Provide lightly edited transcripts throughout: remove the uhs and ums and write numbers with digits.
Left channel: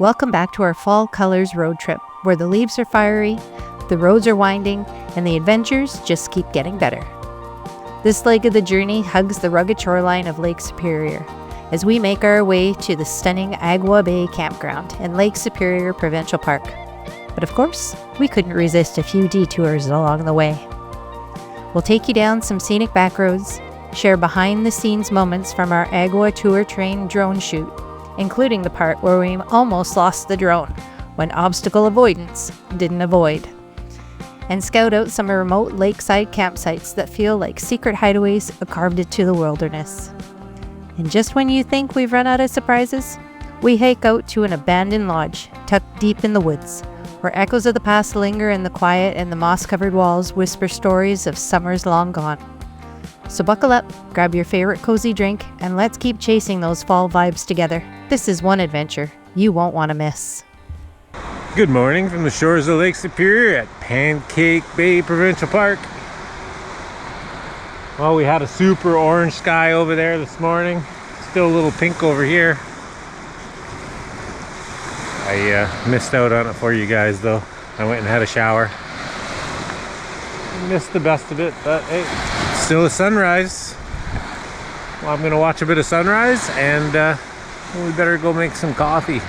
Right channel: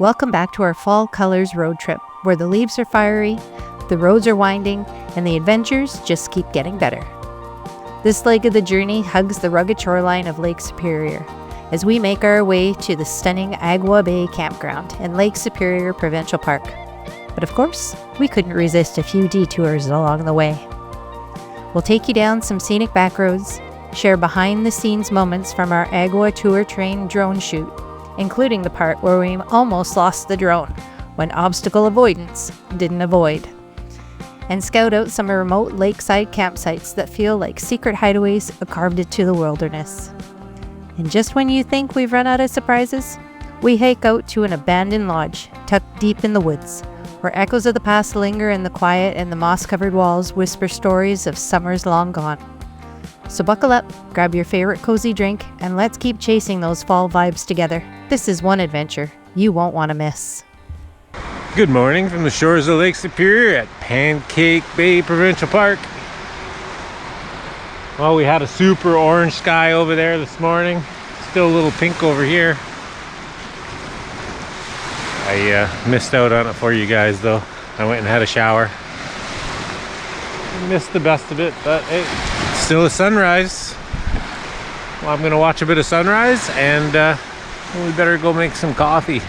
Welcome back to our Fall Colors road trip, where the leaves are fiery, the roads are winding, and the adventures just keep getting better. This leg of the journey hugs the rugged shoreline of Lake Superior, as we make our way to the stunning Agawa Bay Campground in Lake Superior Provincial Park. But of course, we couldn't resist a few detours along the way. We'll take you down some scenic backroads, share behind-the-scenes moments from our Agawa Tour Train drone shoot, including the part where we almost lost the drone when obstacle avoidance didn't avoid, and scout out some remote lakeside campsites that feel like secret hideaways carved into the wilderness. And just when you think we've run out of surprises, we hike out to an abandoned lodge tucked deep in the woods, where echoes of the past linger in the quiet and the moss-covered walls whisper stories of summers long gone. So buckle up, grab your favorite cozy drink, and let's keep chasing those fall vibes together. This is one adventure you won't want to miss. Good morning from the shores of Lake Superior at Pancake Bay Provincial Park. Well, we had a super orange sky over there this morning. Still a little pink over here. I missed out on it for you guys though. I went and had a shower. Missed the best of it, but hey, it's still a sunrise. Well, I'm gonna watch a bit of sunrise and we better go make some coffee.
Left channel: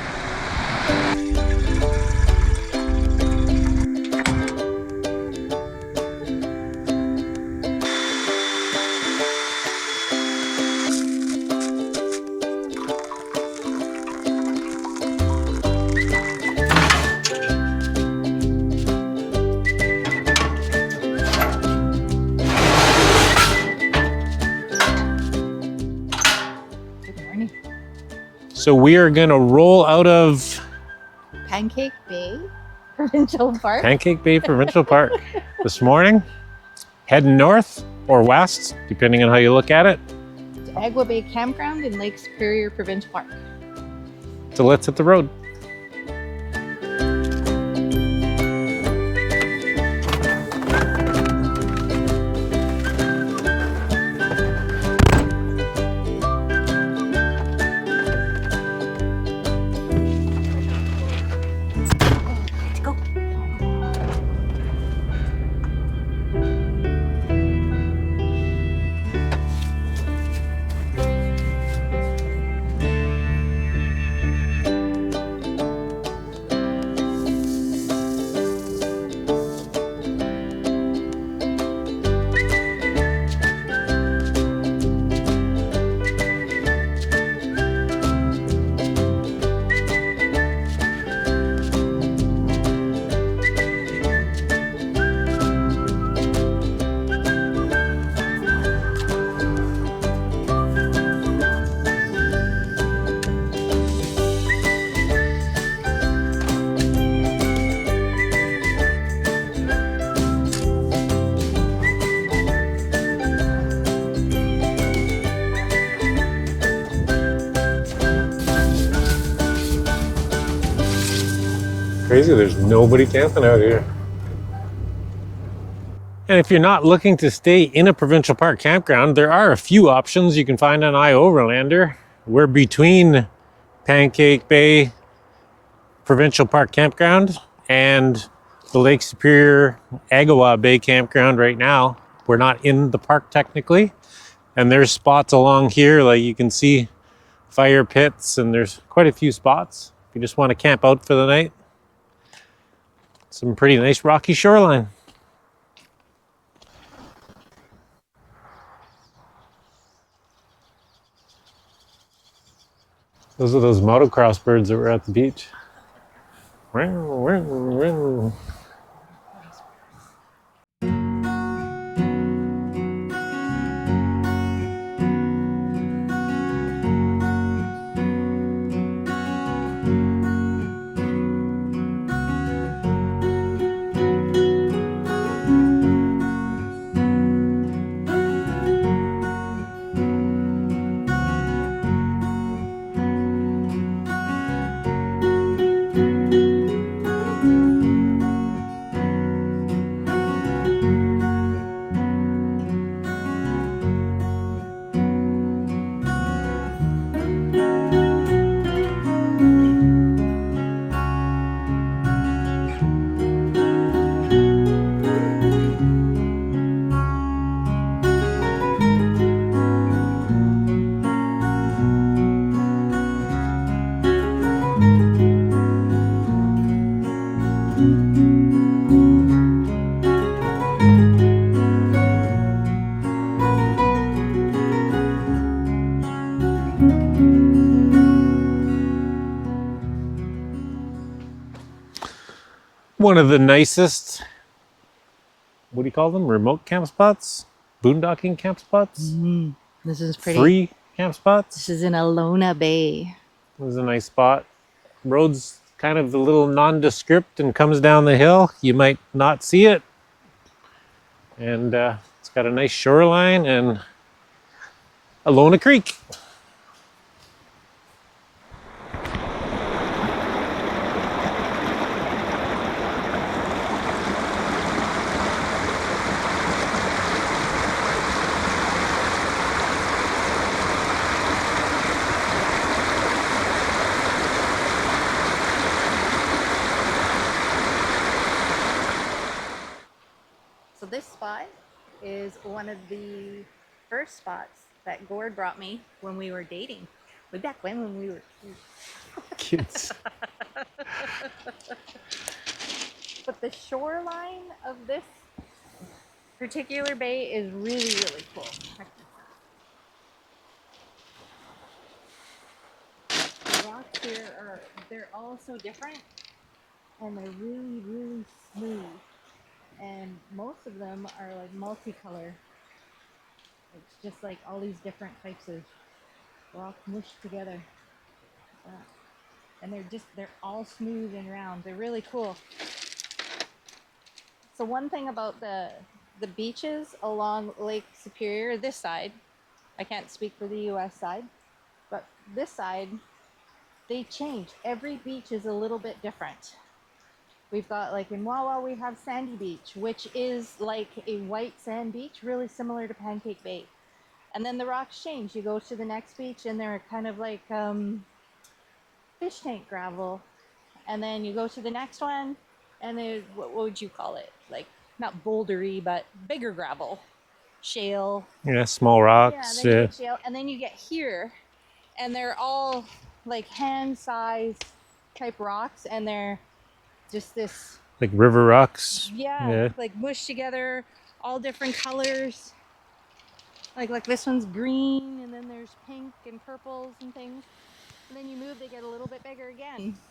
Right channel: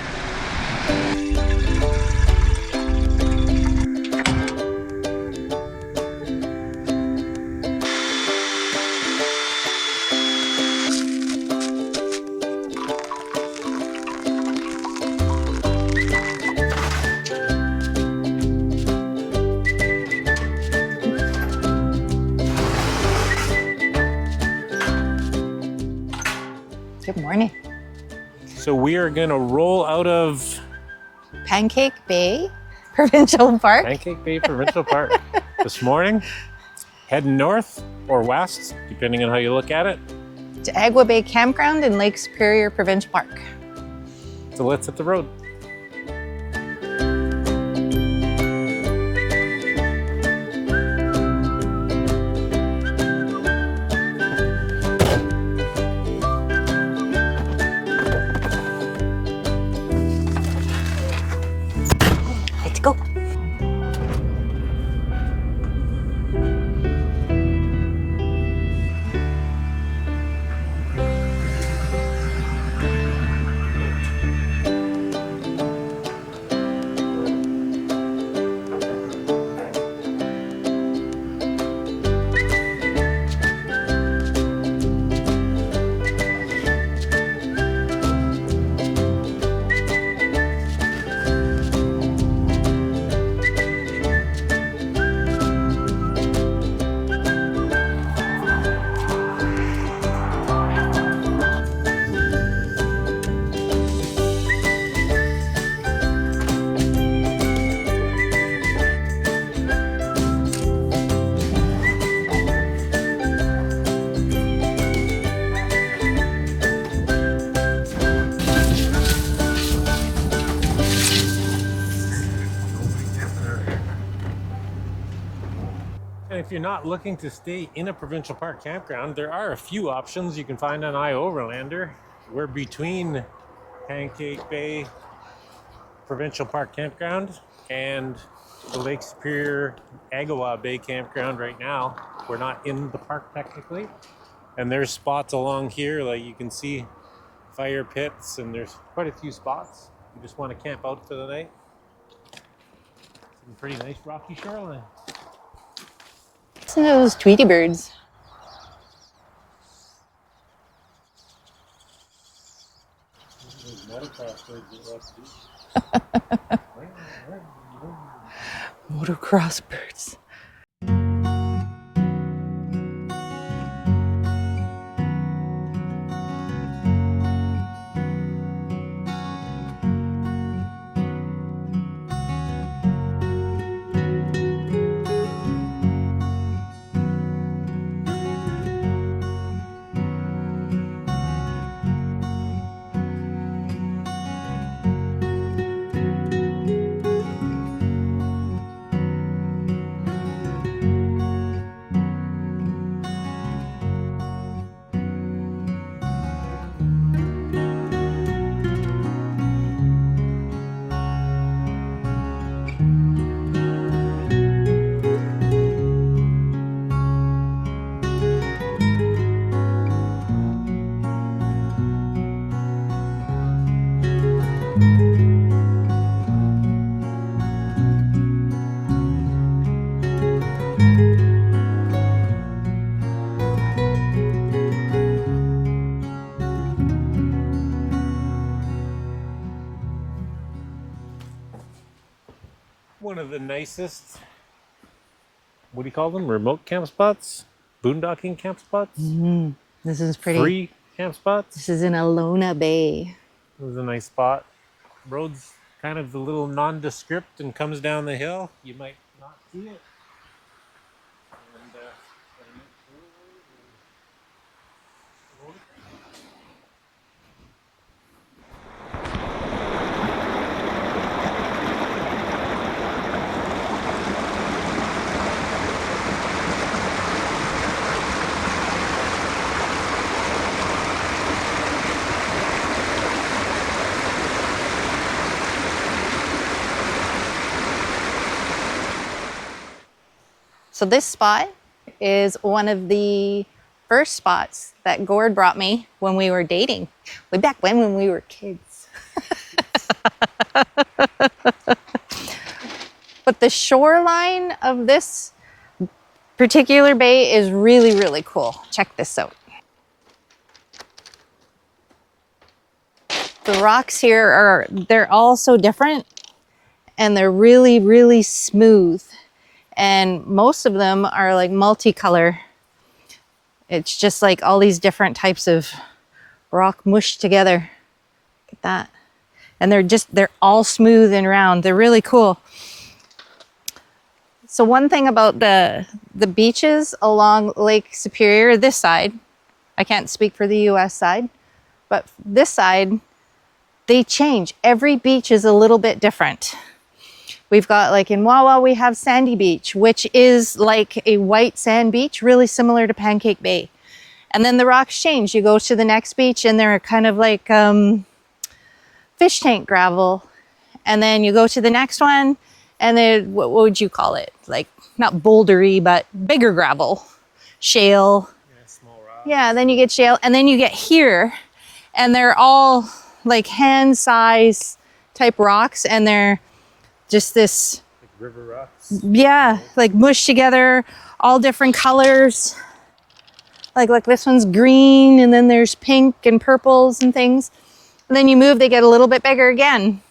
Good morning. So we are gonna roll out of Pancake Bay Provincial Park. Pancake Bay Provincial Park this morning, heading north or west, depending on how you look at it, To Agawa Bay Campground in Lake Superior Provincial Park. so let's hit the road. Let's go. Crazy, there's nobody camping out here. And if you're not looking to stay in a provincial park campground, there are a few options you can find on iOverlander. We're between Pancake Bay Provincial Park Campground and the Lake Superior Agawa Bay Campground right now. We're not in the park technically, and there's spots along here, like you can see fire pits, and there's quite a few spots if you just want to camp out for the night. Some pretty nice rocky shoreline. Listen to those Tweety birds. Those are those motocross birds that were at the beach. Motocross birds. One of the nicest, what do you call them? Remote camp spots? Boondocking camp spots? This is pretty. Free camp spots? This is in Agawa Bay. This is a nice spot. Road's kind of a little nondescript and comes down the hill. You might not see it. And it's got a nice shoreline and Agawa Creek. So this spot is one of the first spots that Gord brought me when we were dating, way back when we were kids. Kids. But the shoreline of this particular bay is really, really cool. Check this out. The rocks here they're all so different and they're really, really smooth. And most of them are like multicolor. It's just like all these different types of rock mushed together. Look at that. And they're all smooth and round. They're really cool. So one thing about the beaches along Lake Superior, this side, I can't speak for the US side, but this side, they change. Every beach is a little bit different. We've got, like in Wawa, we have Sandy Beach, which is like a white sand beach, really similar to Pancake Bay. And then the rocks change. You go to the next beach and they're kind of like fish tank gravel. And then you go to the next one and then, what would you call it? Like, not bouldery, but bigger gravel, shale. Yeah, small rocks. Yeah, then you get shale. And then you get here and they're all like hand size type rocks and they're just this, like river rocks. yeah, like mushed together, all different colors. Like this one's green, and then there's pink and purples and things. And then you move, they get a little bit bigger again,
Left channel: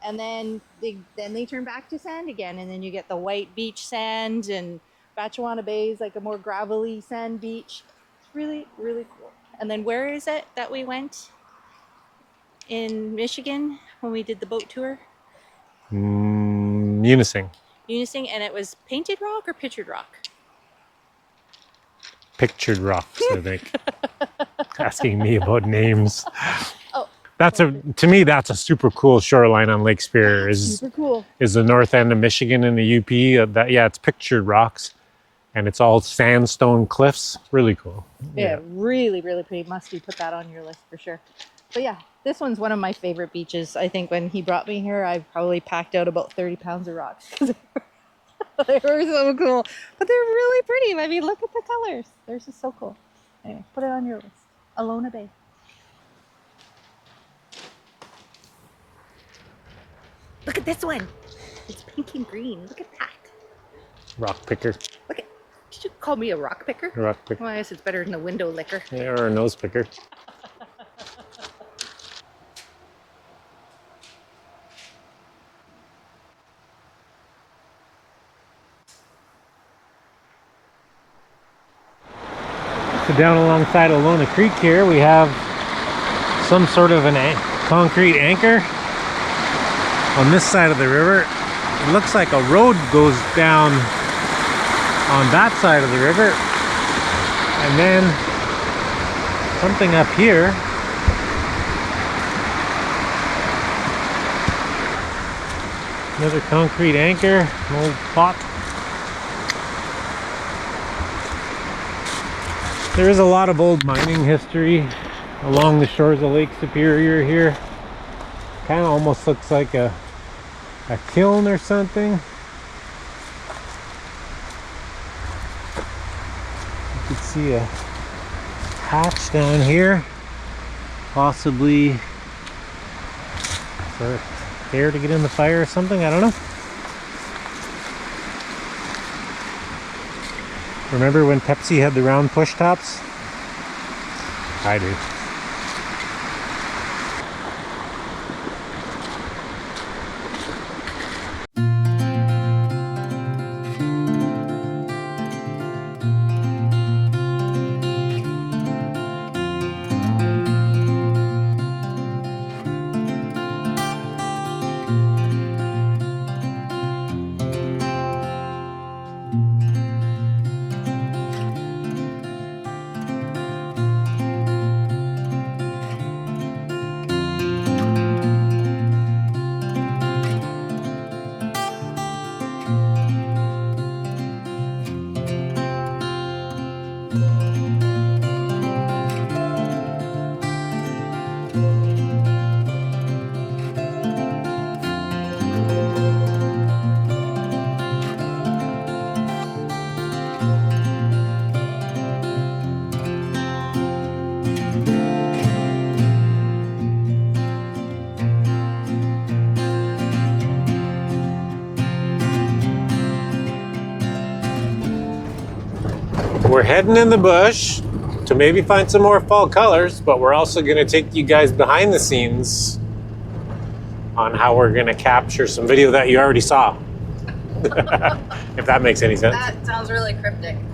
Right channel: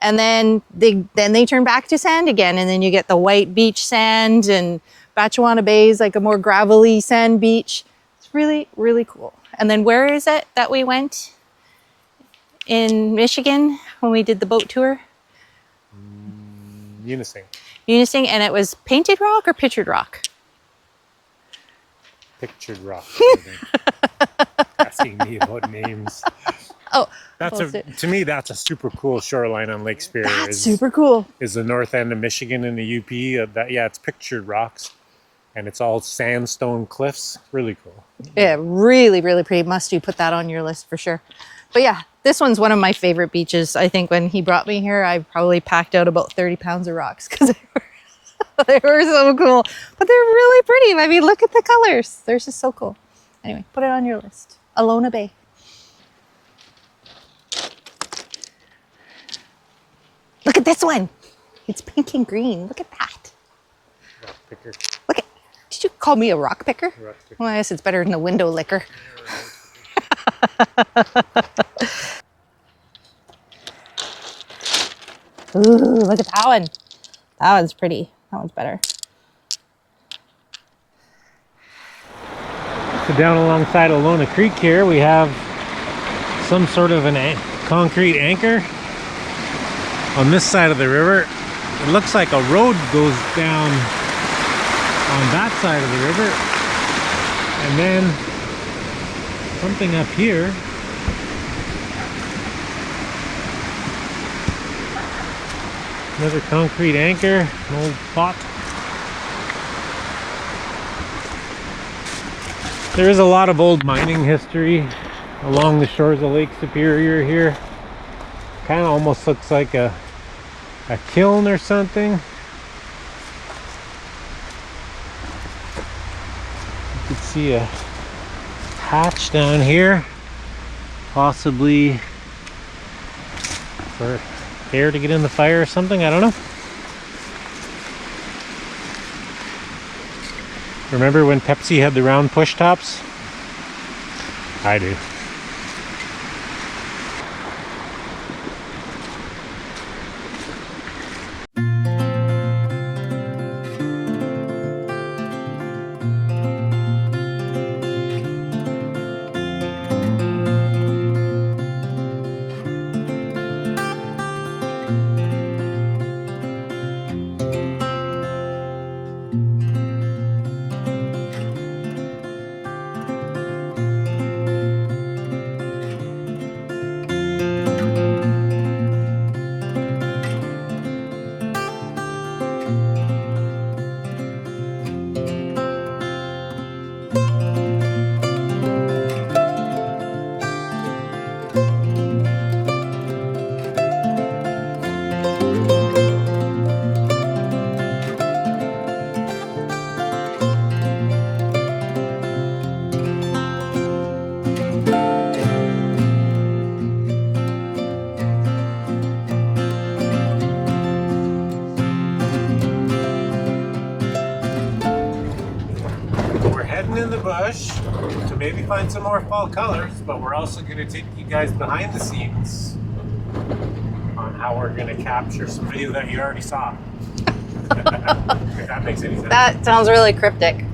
and then they turn back to sand again, and then you get the white beach sand, and Agawa Bay is like a more gravelly sand beach. It's really, really cool. And then where is it that we went in Michigan when we did the boat tour? Munising. Munising, and it was painted rock or pictured rock? Pictured rocks, I think. Asking me about names. Oh, to me, that's a super cool shoreline on Lake Superior. That's super cool. Is the north end of Michigan in the UP. Yeah, it's pictured rocks, and it's all sandstone cliffs. Really cool. Yeah, really, really pretty. Must you put that on your list for sure. But yeah, this one's one of my favorite beaches. I think when he brought me here, I probably packed out about 30 pounds of rocks because they were so cool. But they're really pretty. I mean, look at the colors. They're just so cool. Anyway, put it on your list. Agawa Bay. Look at this one. It's pink and green. Look at that. Rock picker. Look at, did you call me a rock picker? A rock picker. Well, I guess it's better than a window licker. Yeah, or a nose picker. Ooh, look at that one. That one's pretty. That one's better. So down alongside Agawa Creek here, we have some sort of concrete anchor on this side of the river. It looks like a road goes down on that side of the river, and then something up here. Another concrete anchor, an old pot. There is a lot of old mining history along the shores of Lake Superior here. Kind of almost looks like a kiln or something. You can see a hatch down here, possibly for air to get in the fire or something, I don't know. Remember when Pepsi had the round push tops? I do. We're heading in the bush to maybe find some more fall colors, but we're also going to take you guys behind the scenes on how we're going to capture some video that you already saw. If that makes any sense. That sounds really cryptic.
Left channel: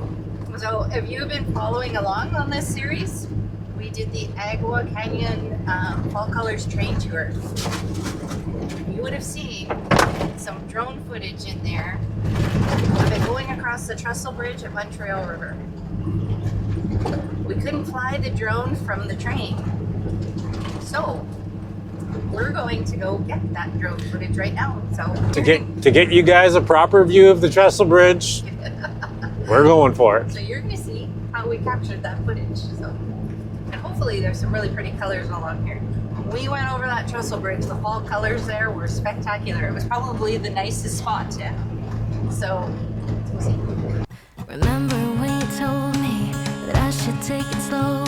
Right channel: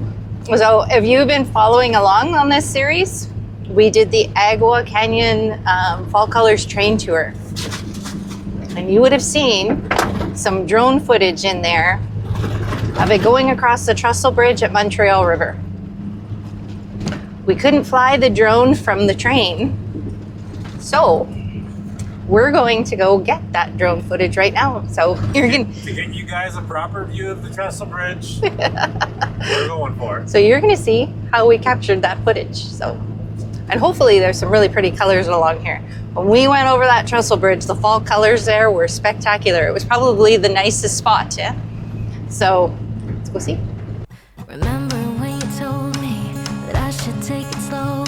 So if you've been following along on this series, we did the Agawa Canyon Fall Colors train tour. And you would have seen some drone footage in there of it going across the Trestle Bridge at Montreal River. We couldn't fly the drone from the train, so we're going to go get that drone footage right now. So to get you guys a proper view of the Trestle Bridge, we're going for it. So you're going to see how we captured that footage. So, and hopefully there's some really pretty colors along here. When we went over that Trestle Bridge, the fall colors there were spectacular. It was probably the nicest spot, yeah? So let's go see. Remember when you told me that I should take it slow,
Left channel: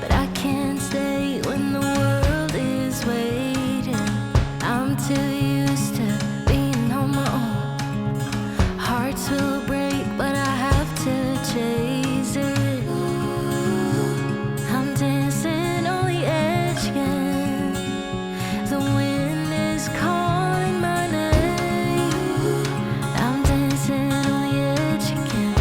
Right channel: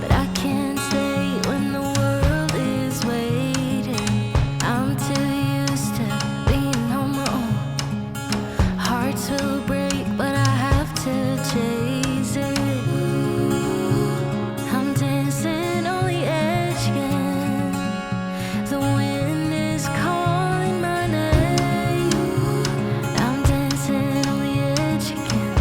but I can't stay when the world is waiting. I'm too used to being on my own. Hearts will break, but I have to chase it. I'm dancing on the edge again. The wind is calling my name. I'm dancing on the edge again.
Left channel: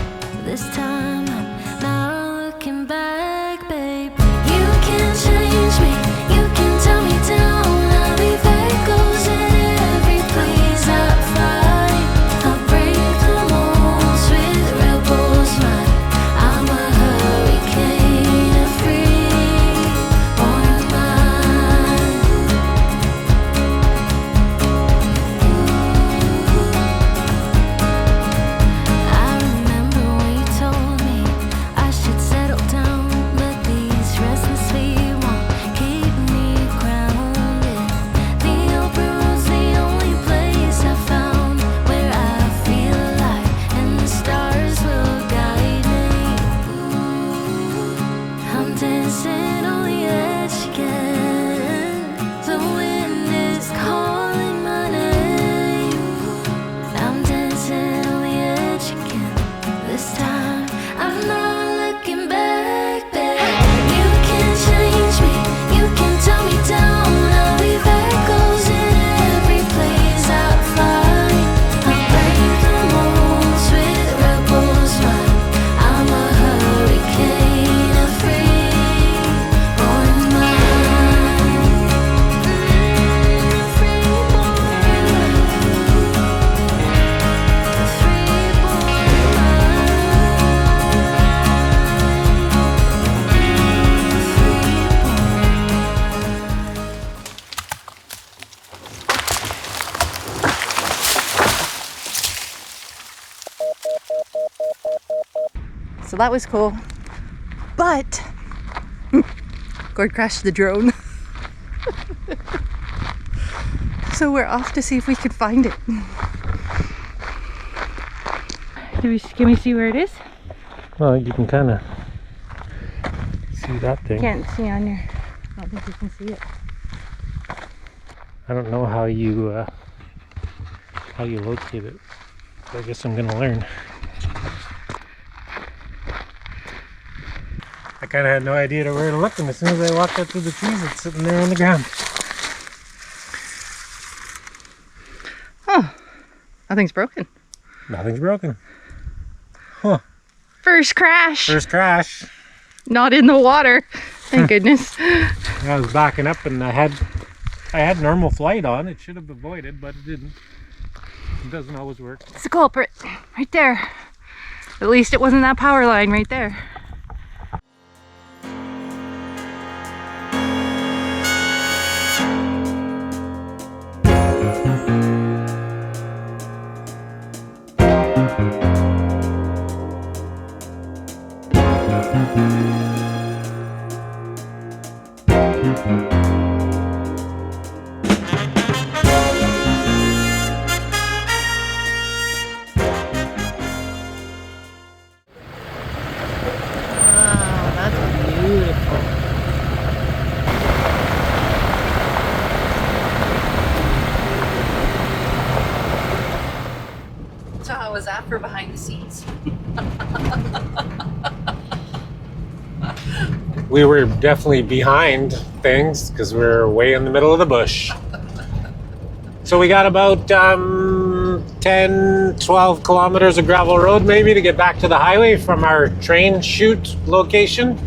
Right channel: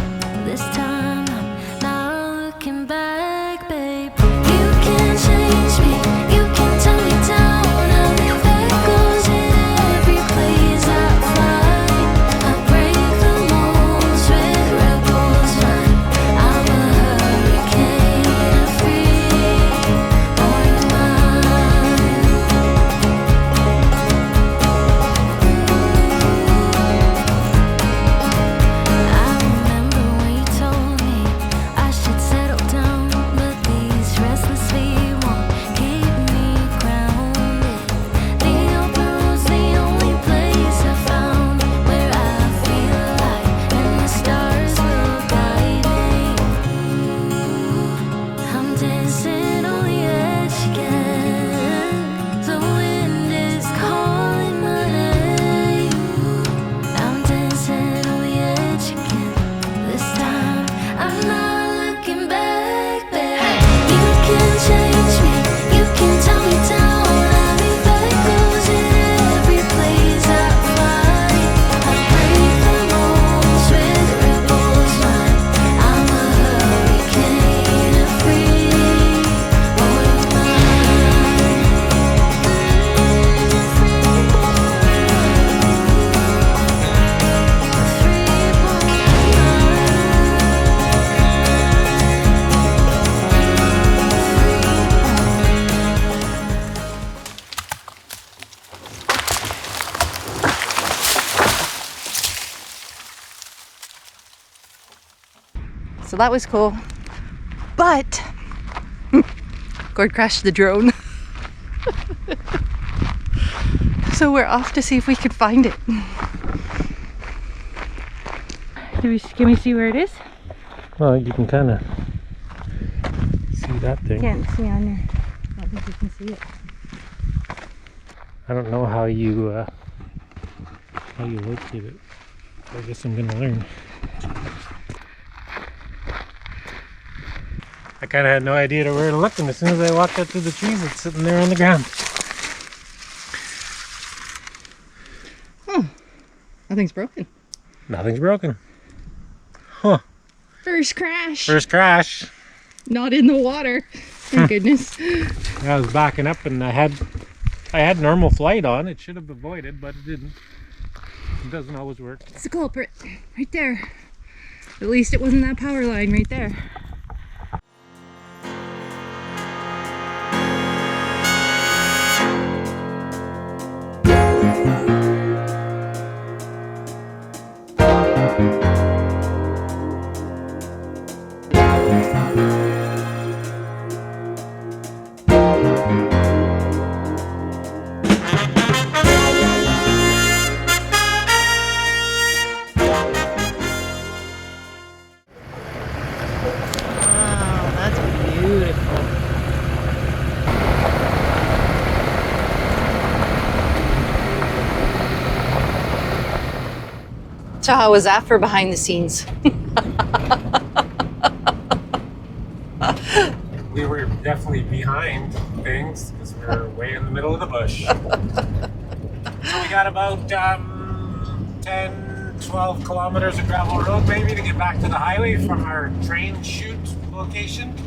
This time I'm not looking back, babe. You can change me, you can tell me down. I'll leave echoes in every place I find. I break the molds with rebels mind. I'm a hurricane, a free-born mind. I remember when you told me I should settle down, but these restless feet won't keep me grounded. The open road's the only place I found where I feel alive, and the stars will guide me. I'm dancing on the edge again. The wind is calling my name. I'm dancing on the edge again. This time I'm not looking back, babe. You can change me, you can tell me down. I'll leave echoes in every place I find. I break the molds with rebels mind. I'm a hurricane, a free-born mind. A free-born mind. A free-born So that was cool. But Gord crashed the drone. So we're off to see if we could find it. Can we see where it is? Well, you can kind of see that thing. Can't see on your. I don't think you can see it. I don't know how you locate it. I guess I'm gonna learn. I kind of had no idea where to look, and as soon as I walked out through the trees, it's sitting there on the ground. Oh, nothing's broken. Nothing's broken. Huh. First crash. First crash. Not in the water. Thank goodness. I was backing up, and I had normal flight on. It should have avoided, but it didn't. It doesn't always work. It's the culprit right there. At least it wasn't that power line right there. Wow, that's beautiful. So how was that for behind the scenes? We were definitely behind things because we're way in the middle of the bush. So we got about 10, 12 kilometers of gravel road maybe to get back to the highway from our train chute location.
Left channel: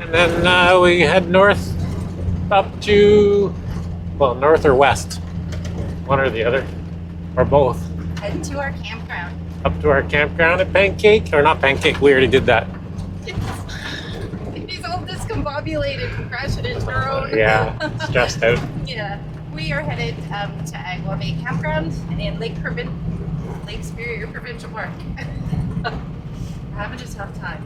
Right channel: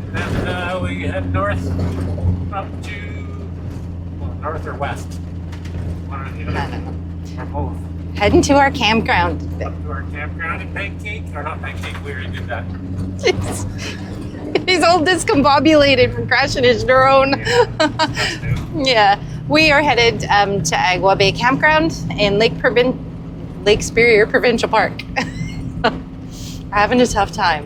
And then we head north up to, well, north or west, one or the other, or both. Heading to our campground. Up to our campground at Pancake, or not Pancake, we already did that. He's all discombobulated from crashing his drone. Yeah, stressed out. Yeah, we are headed to Agawa Bay Campground in Lake Superior Provincial Park. We're having a tough time.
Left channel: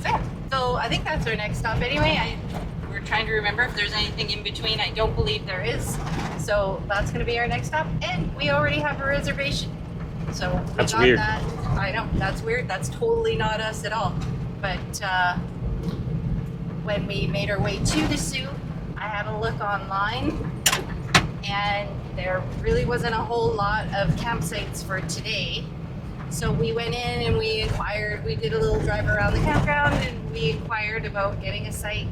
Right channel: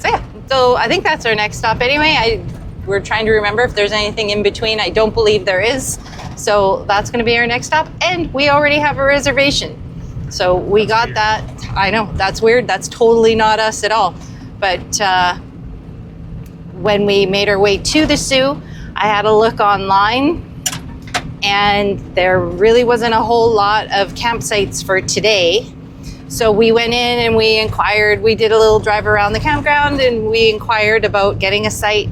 So yeah, so I think that's our next stop anyway. We're trying to remember if there's anything in between. I don't believe there is. So that's going to be our next stop. And we already have a reservation. So we That's got weird. that. I know, that's weird. That's totally not us at all. But when we made our way to the Sioux, I had a look online and there really wasn't a whole lot of campsites for today. So we went in and we inquired, we did a little drive around the campground and we inquired about getting a site.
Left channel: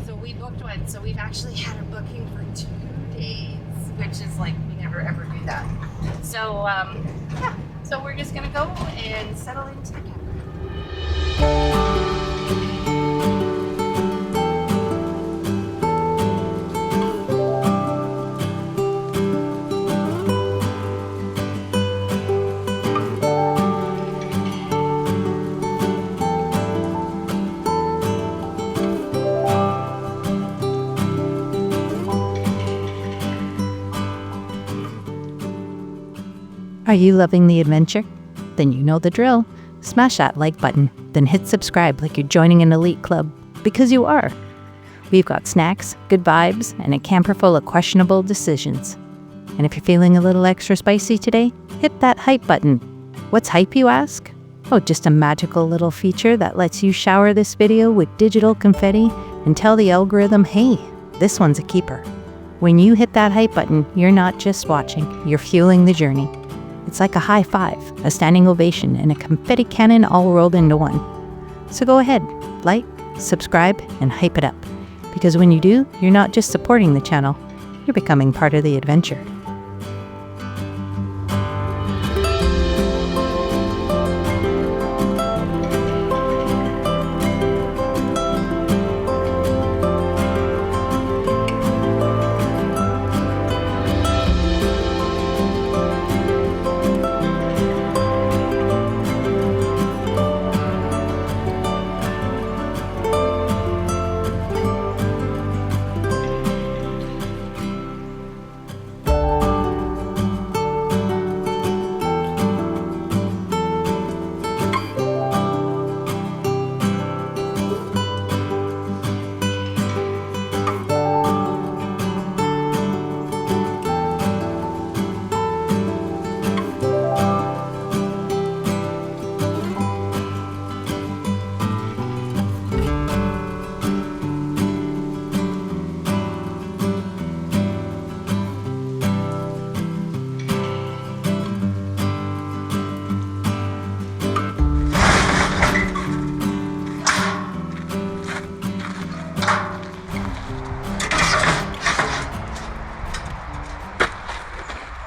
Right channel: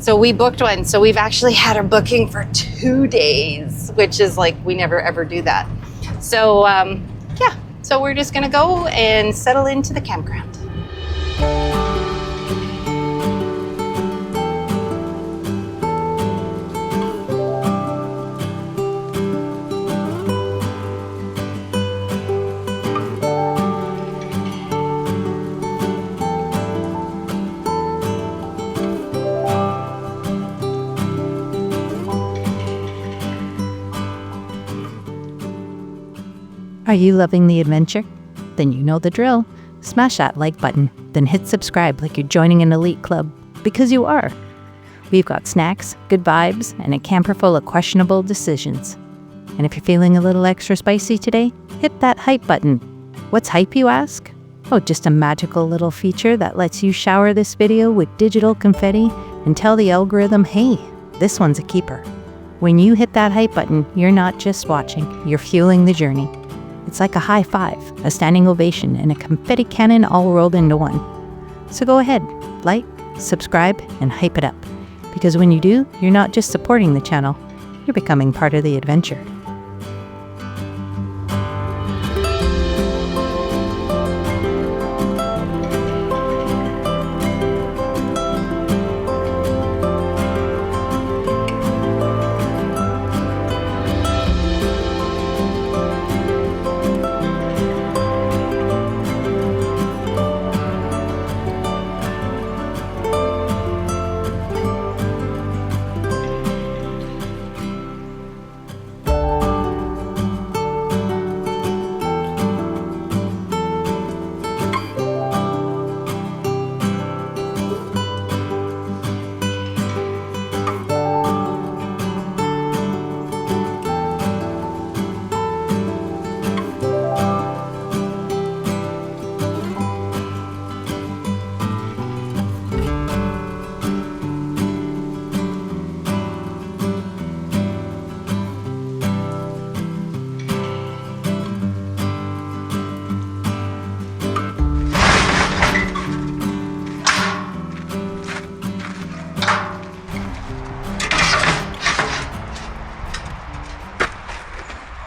So we booked one. So we've actually had our booking for 2 days, which is like, we never ever do that. So yeah, so we're just gonna go and settle into the campground. Are you loving the adventure? Then you know the drill. Smash that like button, then hit subscribe like you're joining an elite club, because you are. We've got snacks, good vibes, and a camper full of questionable decisions. And if you're feeling a little extra spicy today, hit that hype button. What's hype, you ask? Oh, just a magical little feature that lets you shower this video with digital confetti and tell the algorithm, hey, this one's a keeper. When you hit that hype button, you're not just watching, you're fueling the journey. It's like a high five, a standing ovation, and a confetti cannon all rolled into one. So go ahead, like, subscribe, and hype it up. Because when you do, you're not just supporting the channel, you're becoming part of the adventure.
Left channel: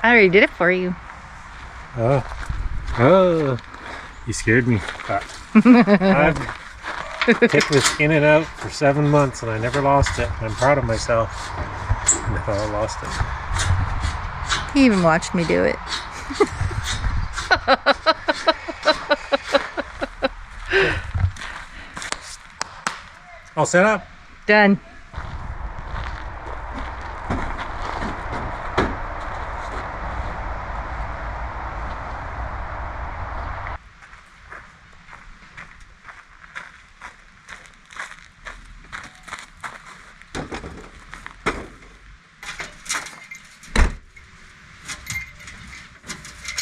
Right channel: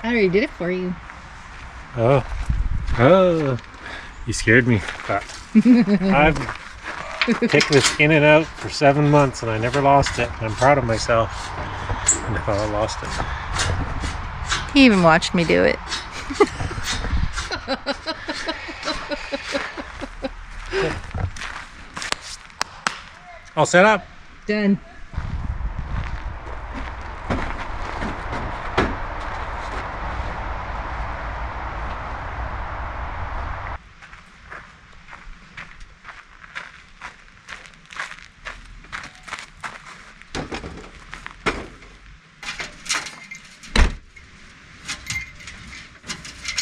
I already did it for you. Oh, you scared me. I've taken this in and out for 7 months and I never lost it. I'm proud of myself. No, I lost it. He even watched me do it. All set up? Done.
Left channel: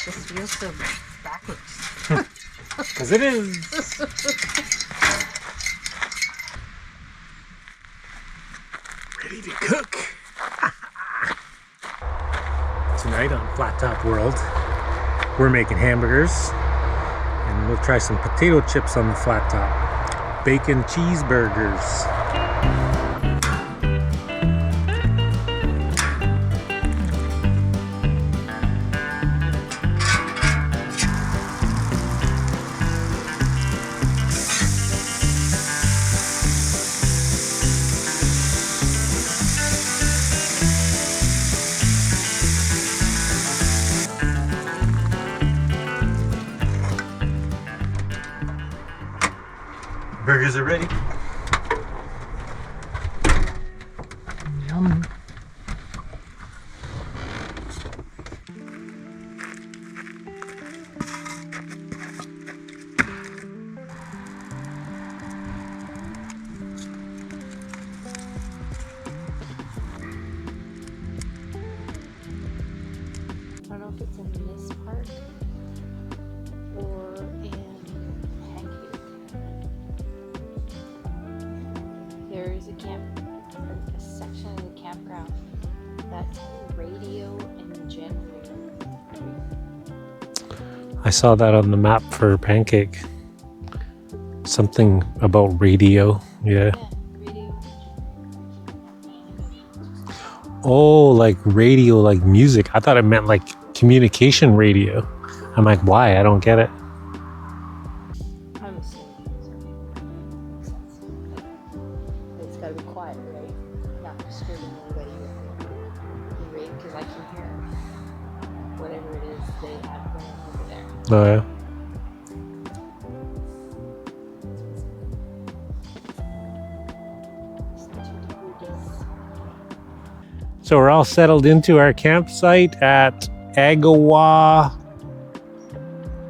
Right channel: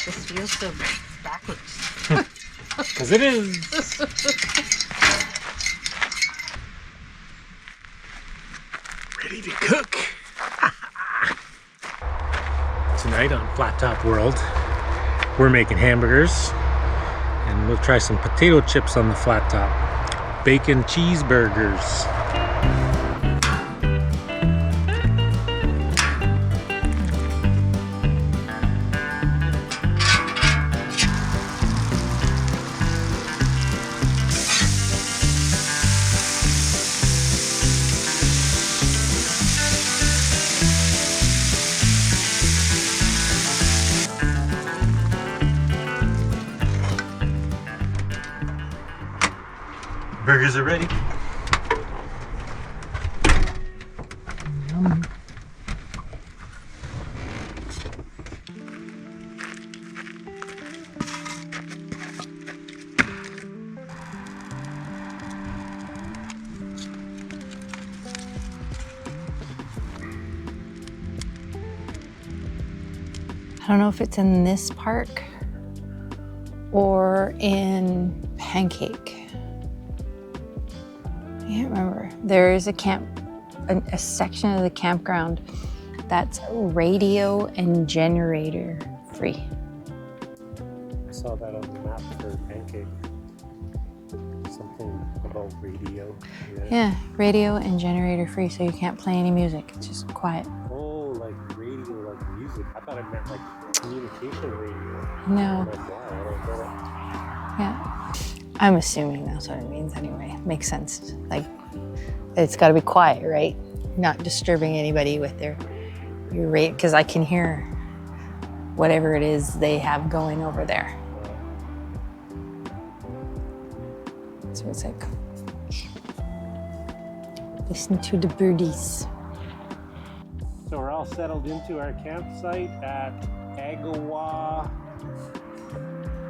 This feels so backwards. Because it is. Ready to cook. Tonight on Flat Top World, we're making hamburgers and we'll try some potato chips on the flat top. Bacon cheeseburgers. Burgers are ready. Yum. I don't know if it's in this park or in Pancake. I can't remember. There is a section of the campground that's radio and generator free. I saw that on the map for Pancake. Something about radio. Yeah, radio and generator free, so you can't play any music. It's just quiet. Oh, like radio, like music. I thought it meant like communication radio. No. I'm like, why? I don't get it. Yeah. I'm assuming that's what it means anyway. Makes sense. Like, it's got to be quiet, right? Not disturbing anybody with your rate, because I can hear whatever it is they have going over there. Oh, yeah. So it's like, listen to the birdies. So we're all settled into our campsite at Agawa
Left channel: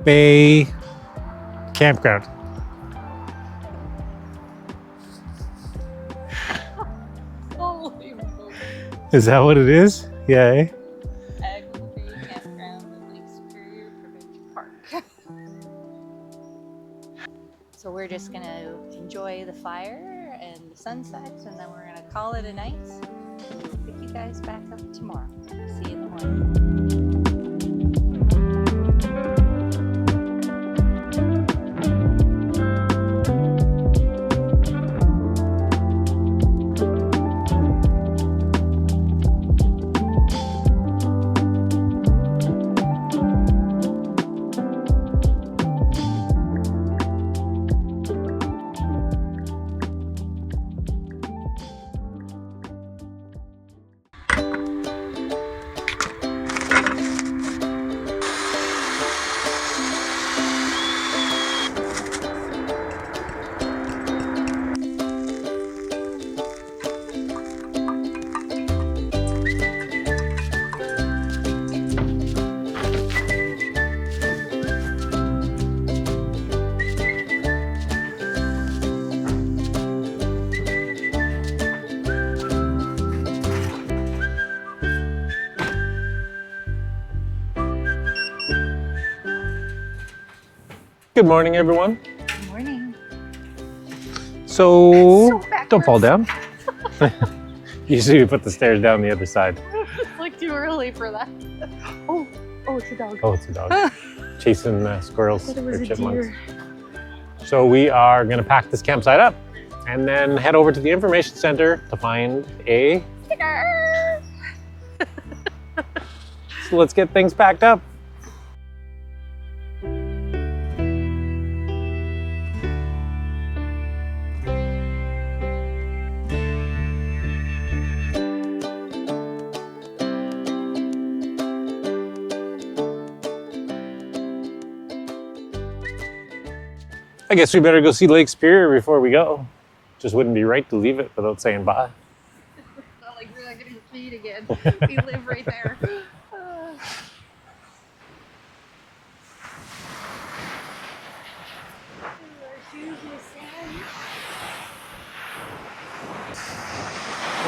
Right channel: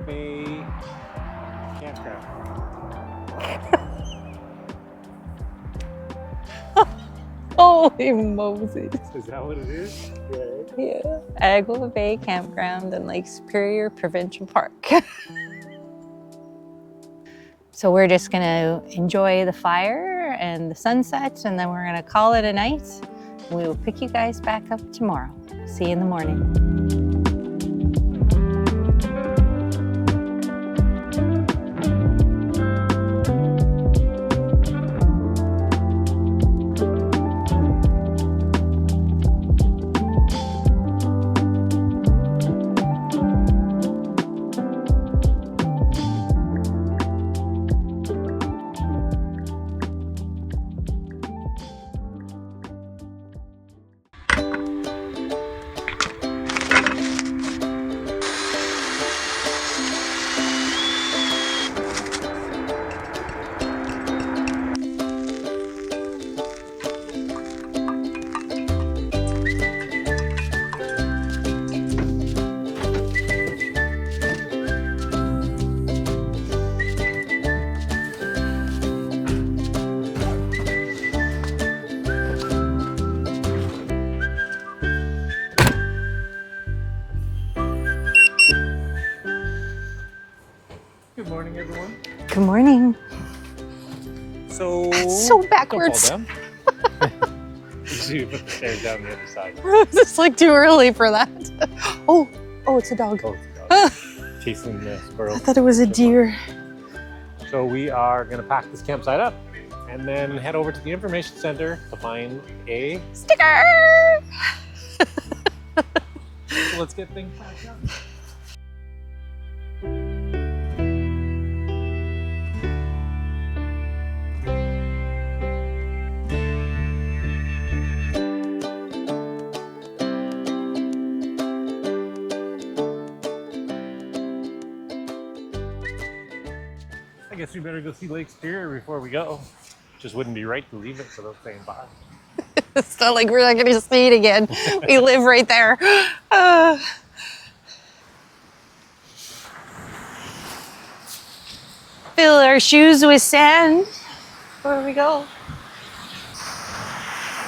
Bay Campground. Holy Moses. Is that what it is? Yeah, eh? Yeah. Agawa Bay Campground and Lake Superior Provincial Park. So we're just gonna enjoy the fire and the sunset, and then we're gonna call it a night. We will pick you guys back up tomorrow. See you in the morning. Good morning, everyone. Good morning. So, So don't fall backwards. down. Usually we put the stairs down the other side. It's like too early for that. Oh, it's a dog. Oh, it's a dog. Chasing squirrels. I thought it was a or deer. chipmunks. So we are gonna pack this campsite up and then head over to the information center to find a Sticker! let's get things packed up. I guess we better go see Lake Superior before we go. Just wouldn't be right to leave it without saying bye. It's not like we're not going to see it again. We live right there. Fill our shoes with sand. Where do we go?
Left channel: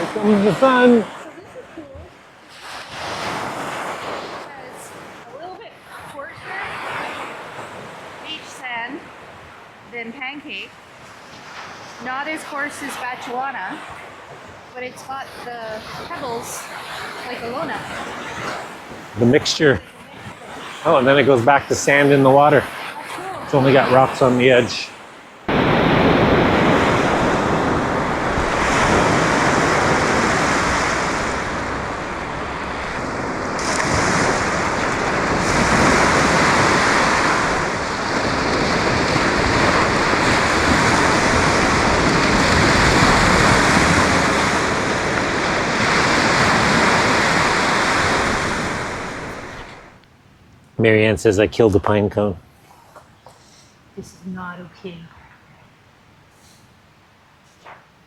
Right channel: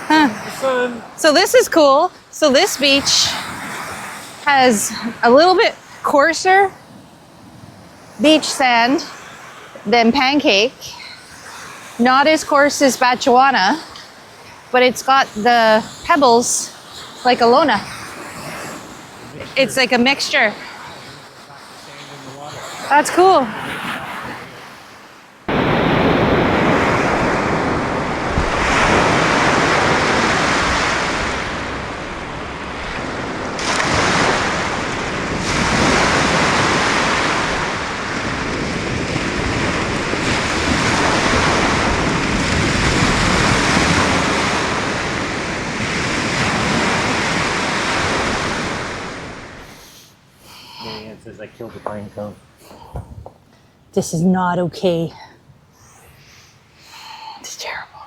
The sun. So this is cool. So this beach has a little bit coarser beach sand than Pancake. Not as coarse as Batchewana, but it's got the pebbles like Alona. The mixture. It's like a mixture. Oh, and then it goes back to sand in the water. That's cool. It's only got rocks on the edge. Marianne says I killed a pine cone. This is not okay. It's terrible.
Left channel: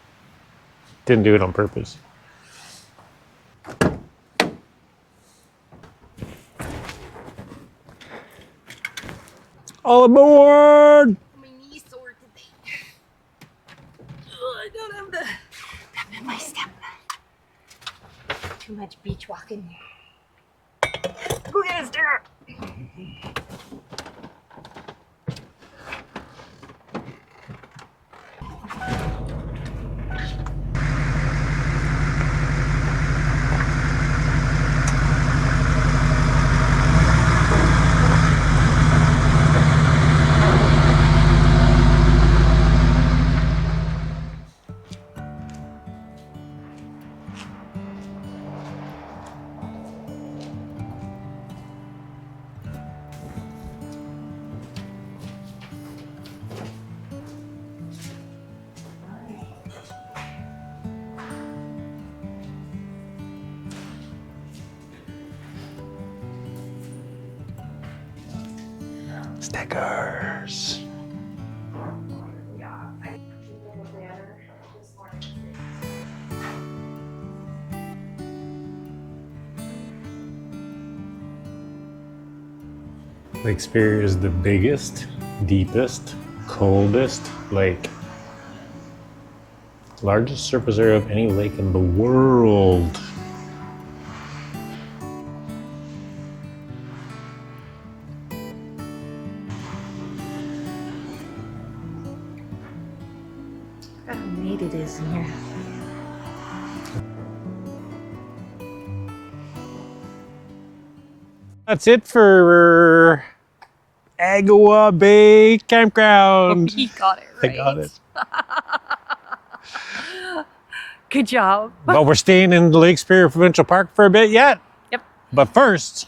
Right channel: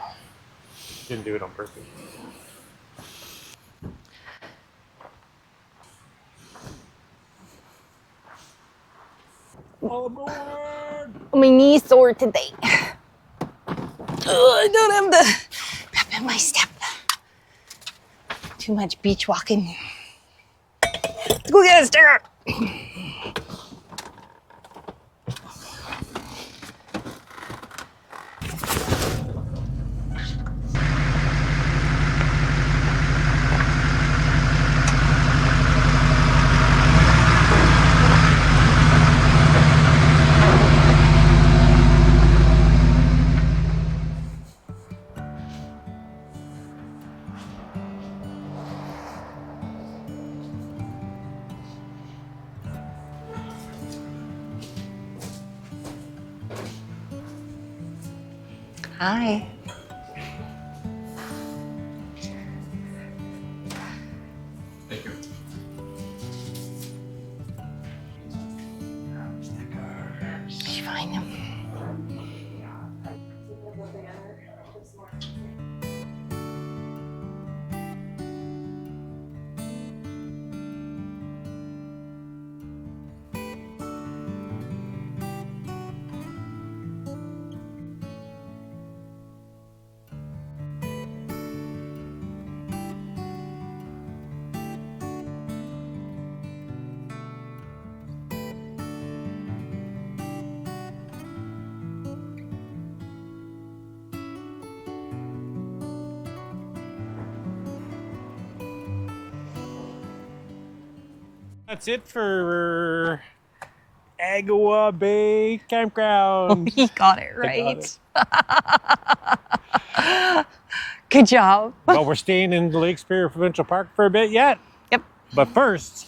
Didn't do it on purpose. All aboard! My knee's sore today. I don't have the pep in my step. Too much beach walking. Let's go get a sticker. Hi. Stickers. You find them? Lake Superior is the biggest, deepest, coldest lake. Largest surface area of any lake in the world. How neat it is in here. That's it for Agawa Bay Campground. He got it right. I got it. Good job. But we're staying in the Lake Superior Provincial Park for a bit yet. Yep. But first,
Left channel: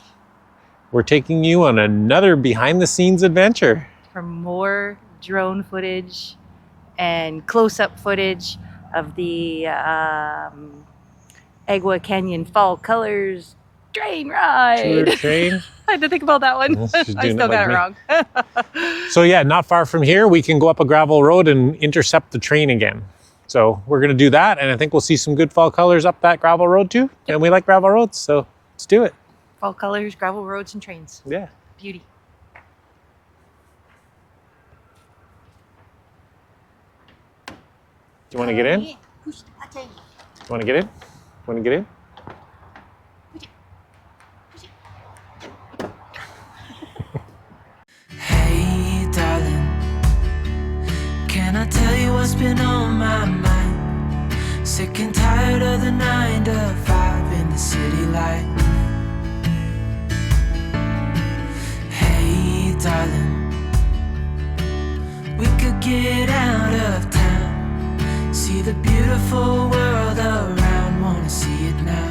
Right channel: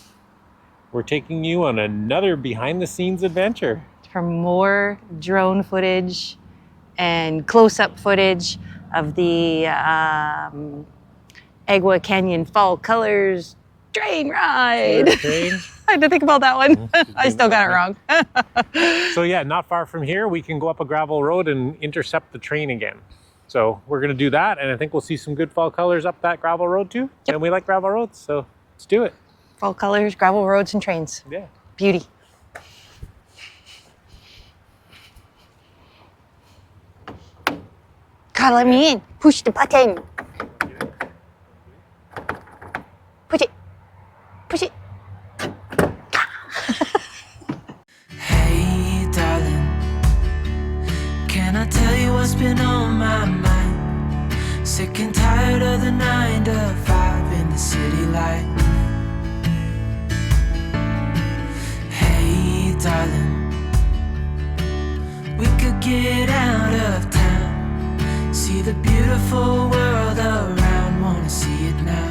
we're taking you on another behind-the-scenes adventure. For more drone footage and close-up footage of the Agawa Canyon Fall Colors train ride. Tour train. I had to think about that one. She's I doing still it got like it me. wrong. So yeah, not far from here, we can go up a gravel road and intercept the train again. So we're gonna do that, and I think we'll see some good fall colors up that gravel road too. Yep. And we like gravel roads, so let's do it. Fall Colors, gravel roads, and trains. Yeah. Beauty. God, let me in. Push the button. Wanna get in? Wanna get in? Push it. Push it. Hey, darling, can I tell you what's been on my mind? Sick and tired of the 9 to 5 in the city life. Hey, darling, we could get out of town, see the beautiful world around, wanna see it now.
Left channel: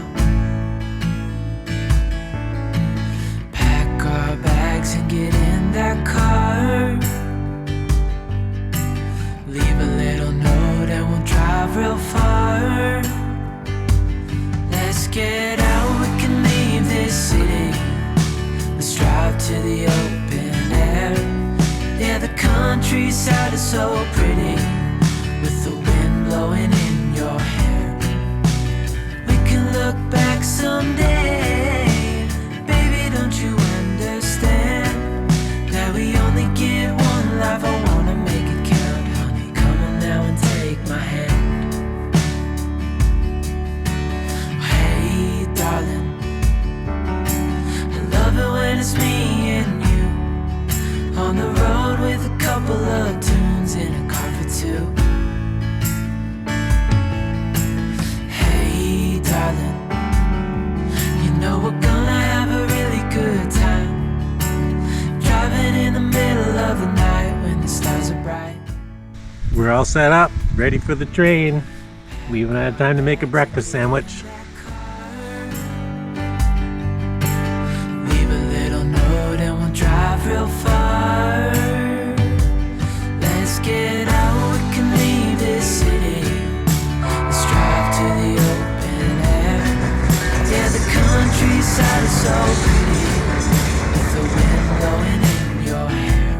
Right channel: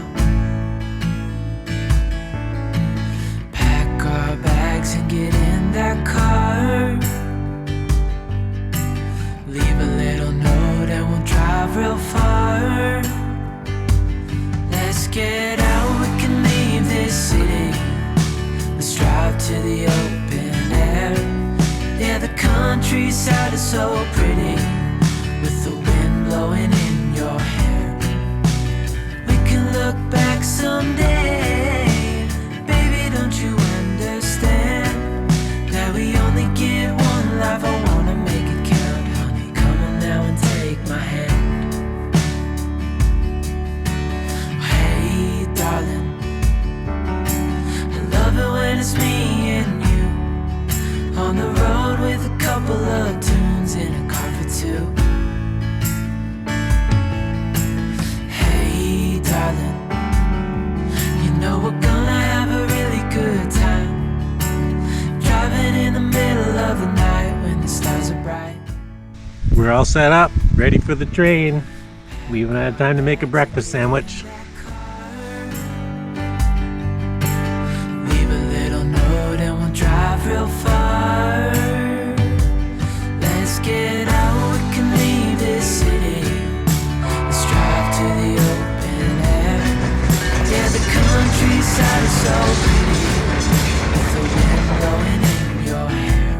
countryside is so pretty, with the wind blowing in your hair. We can look back someday, baby, don't you understand that we only get one life? I wanna make it count, honey, come on now and take my hand. Hey darling, I love it when it's me and you on the road with a couple of tunes in a car for two. Hey darling, you know we're gonna have a really good time, driving in the middle of the night when the stars are bright. We're all set up, ready for the train. We even had time to make a breakfast sandwich. Leave a little note and we'll drive real far. Let's get out, we can leave this city. Let's drive to the open air. Yeah, the countryside is so pretty, with the wind blowing in your hair.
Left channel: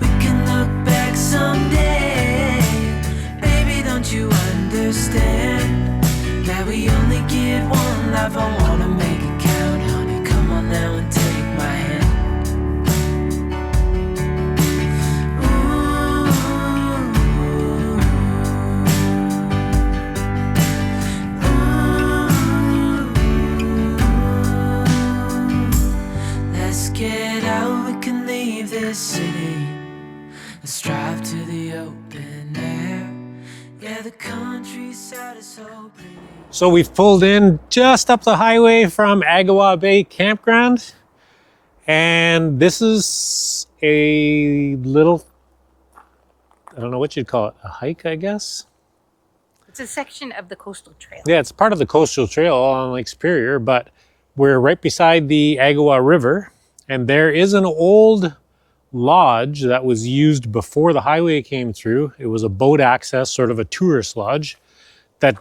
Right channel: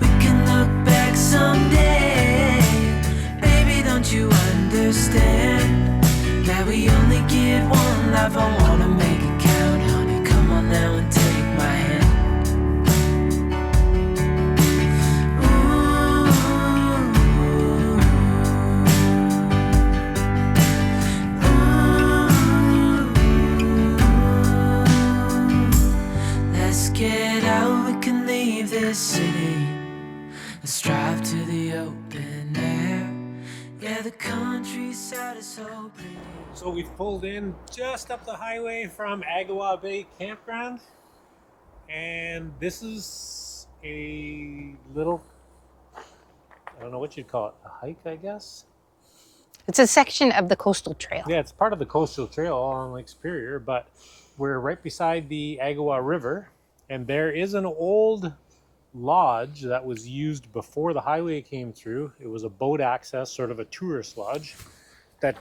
We can look back someday, baby, don't you understand that we only get one life? I wanna make it count, honey, come on now and take my hand. Let's get out, we can leave this city. Let's drive to the open air. Yeah, the countryside is so pretty. So we've pulled in just up the highway from Agawa Bay Campground. And this is a little, I don't know what you'd call it, a hike, I guess? It's a section of the coastal trail. Yeah, it's part of the coastal trail on Lake Superior, but we're right beside the Agawa River, and there is an old lodge that was used before the highway came through. It was a boat access, sort of a tourist lodge that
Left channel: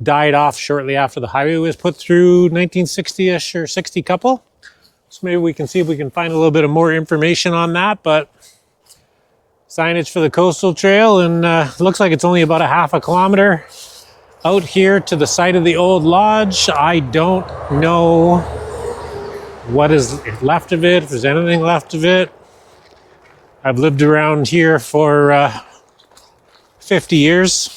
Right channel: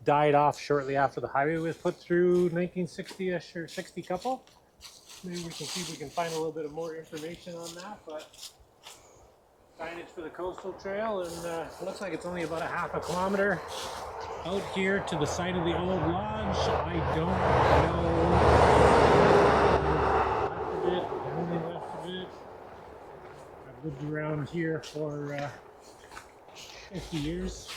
died off shortly after the highway was put through, 1960-ish or 60 couple. So maybe we can see if we can find a little bit of more information on that, but signage for the coastal trail, and looks like it's only about a half a kilometer out here to the site of the old lodge. I don't know what is left of it, if there's anything left of it. I've lived around here for 50 years.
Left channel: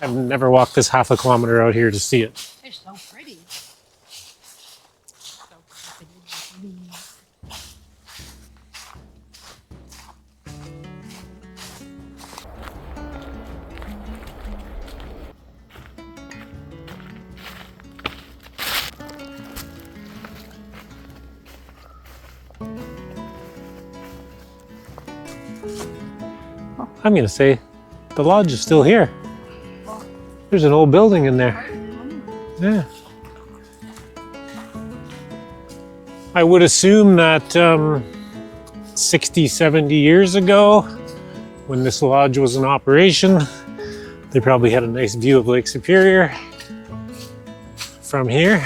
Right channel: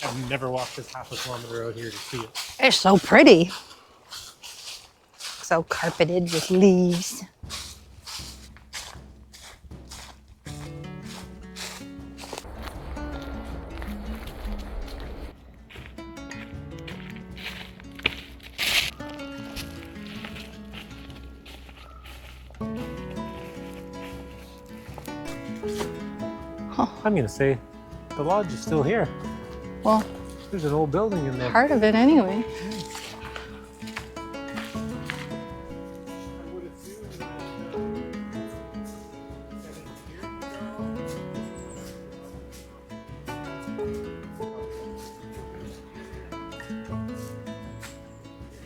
I've never walked this half a kilometer out here to see it. It's so pretty. So carpeted with leaves. I'm gonna say the lodge is still here. Well, There's an old building in there. part of it anyway. Yeah. I would assume that 60, 70 years ago, when this lodge was in operation, they probably had a nice view of Lake Superior from here.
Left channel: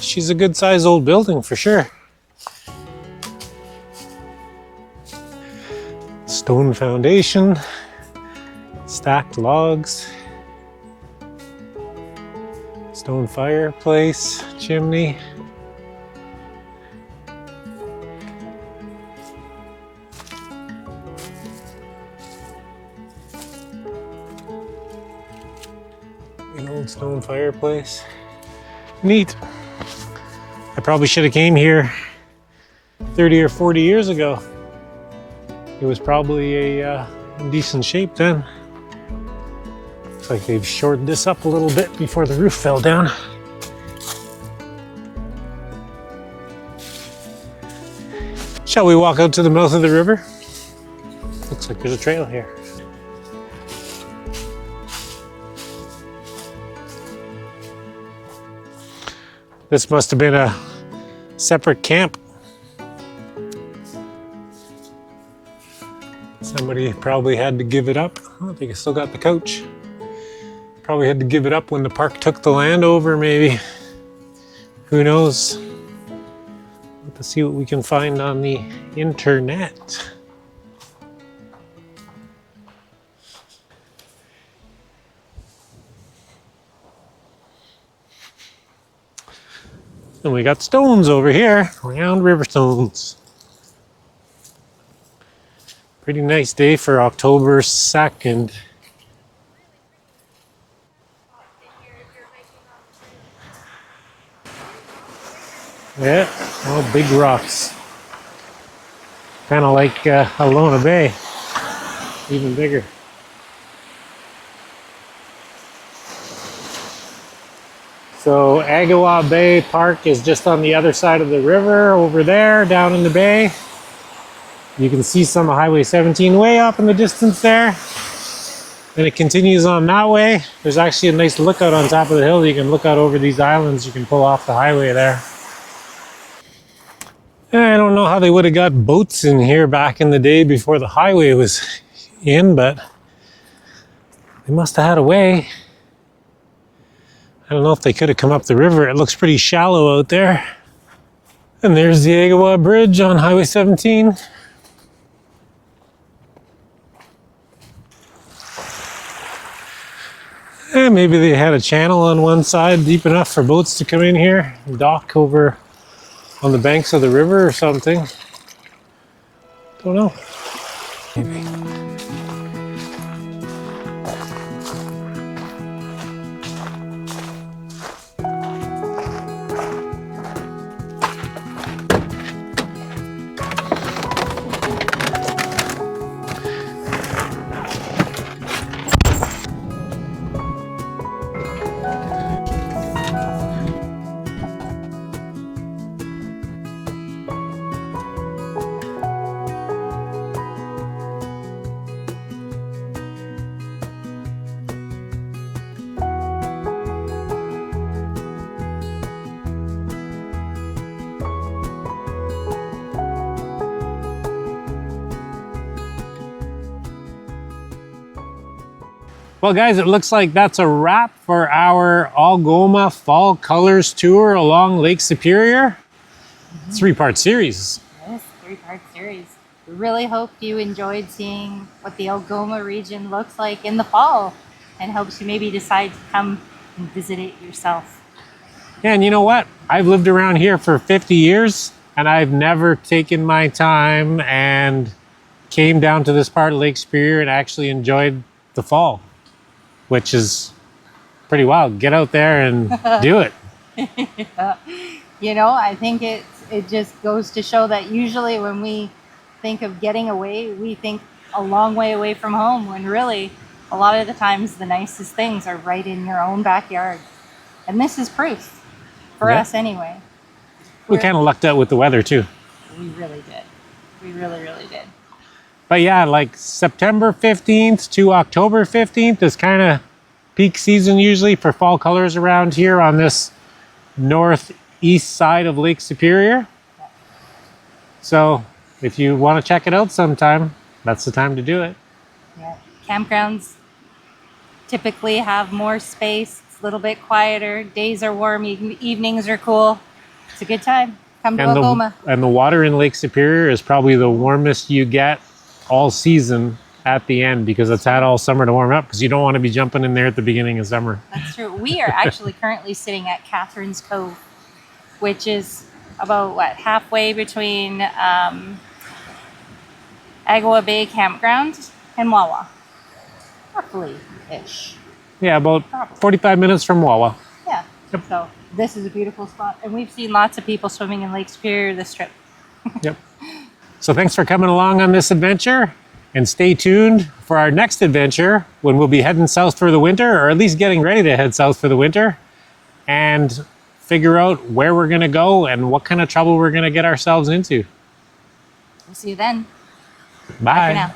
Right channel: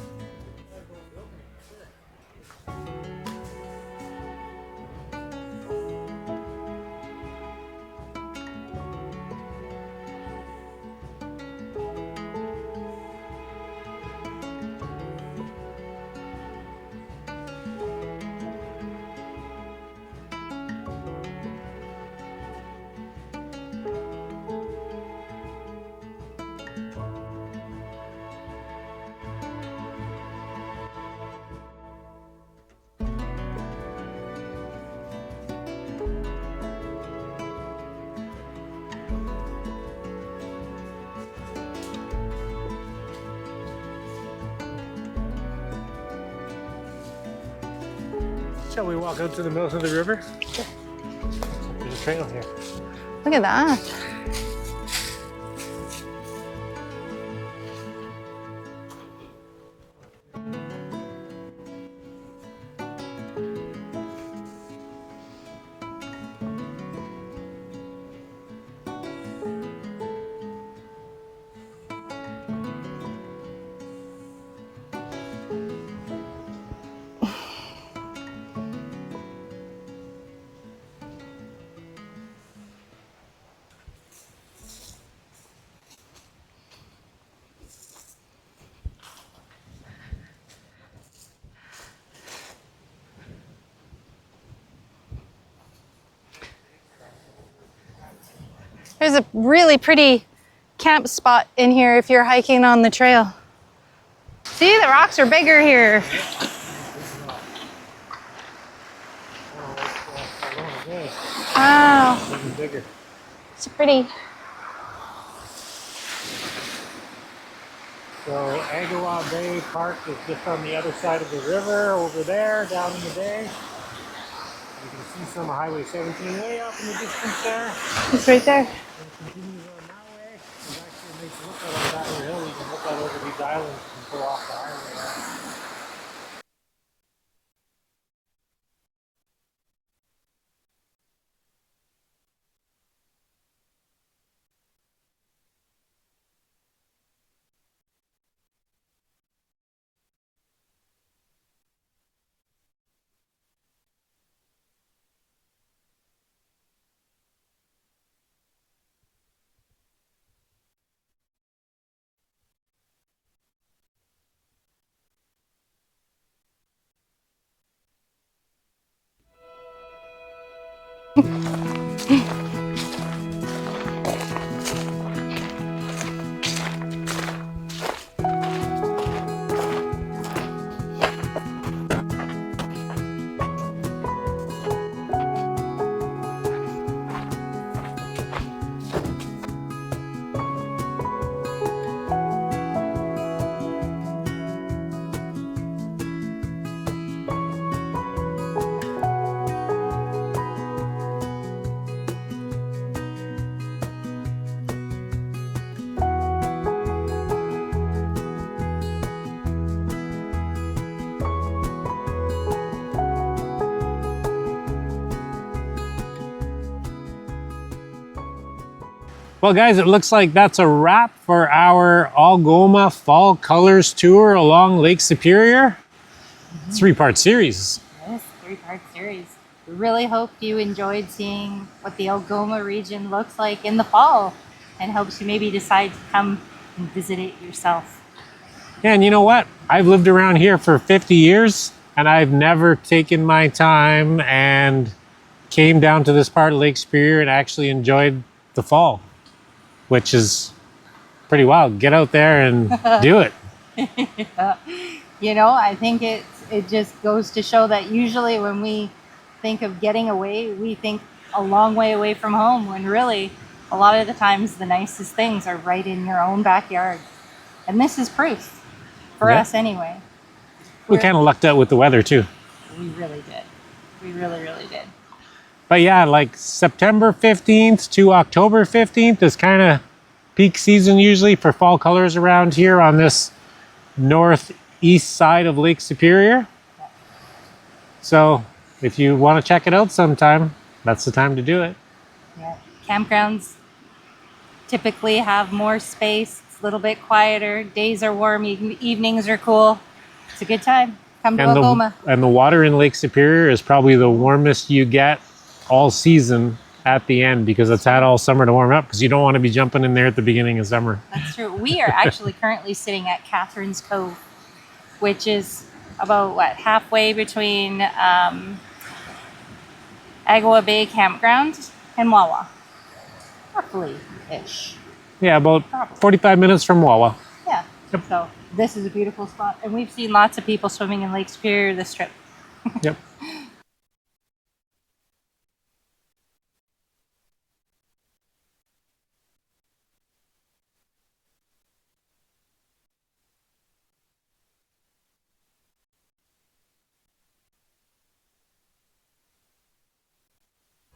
She's a good sized old building for sure. Stone foundation, stacked logs, stone fireplace, chimney. An old stone fireplace. Neat. I probably should have came here 30 or 40 years ago. It was probably a decent shape then. Looks like they've shored this up a little bit before the roof fell down. Shall we walk out to the mouth of the river? Looks like there's a trail here. Look at that. This must have been a separate camp. Somebody probably had to give it up. Oh, they still got the coach. Probably had to give it up when the park took the land over, maybe. Who knows? Let's see what we can find on the internet. And we got stones over here, round river stones. Pretty nice day for October 2nd. There's a really pretty camp spot in here if you're hiking on the trail. See, the rocks are bigger here. Yeah, all big rocks. Kind of like Alona Bay, Wow, even bigger. it's pretty. So Agawa Bay Park is just on the other side of the river over there, down in the bay. You can see some of Highway 17 way up in the distance there. It's right there. And it continues on that way. There's actually a nice lookout on top of the hill. You can look out over these islands. You can pull off the highway there. I don't know how they would have got boats in here back in the day before the highway was in, but they must have had a way. I don't know if they could have come up the river. It looks pretty shallow out there. And there's the Agawa Bridge on Highway 17. And maybe they had a channel on one side deep enough for boats to come in here and dock over on the banks of the river or something. Don't know. Well, guys, it looks like that's a wrap for our Algoma Fall Colors Tour along Lake Superior. Three-part series. Yes, three-part series. We really hope you enjoyed seeing what the Algoma region looks like in the fall and helps you maybe decide to come and visit it yourself. Yeah, and you know what? I've lived around here for 50 years and I've never taken my time and came down to this part of Lake Superior and actually enjoyed the fall, which is pretty wild. Get out there and do it. You know, I think it just goes to show that usually when we think of getting away, we think a long way away from home, when really a lot of the times the nicest things are right in your own backyard. And this is proof for us anyway. We kind of lucked out with the weather too. We really did. We really, really did. But yeah, like September 15th to October 15th is kind of peak season usually for fall colors around here on this northeast side of Lake Superior. So if you want to check it out sometime, that's the time to do it. Yeah. Campgrounds typically have more space. It's a little bit quieter. Days are warm. Evenings are cool. It's a good time. Come to Algoma. And the water in Lake Superior is probably the warmest you get all season at the end, because it's had all summer to warm up, because you don't want to be jumping in there at the beginning of summer. That's true. We are actually currently sitting at Catherine's Cove, which is about, what, halfway between Agawa Bay Campground and Wawa. Roughly-ish. Yeah, about 45 minutes from Wawa. Yeah. Yep. So this is a beautiful spot. And we've seen lots of people swimming in Lake Superior this trip. Yep. So thanks for coming along on this adventure, and stay tuned for our next adventure when we'll be heading south for the winter, or at least getting ready to head south for the winter, and figure out where we're going to go and what kind of trouble we're going to get ourselves into. We'll see you then. Bye. Bye for now.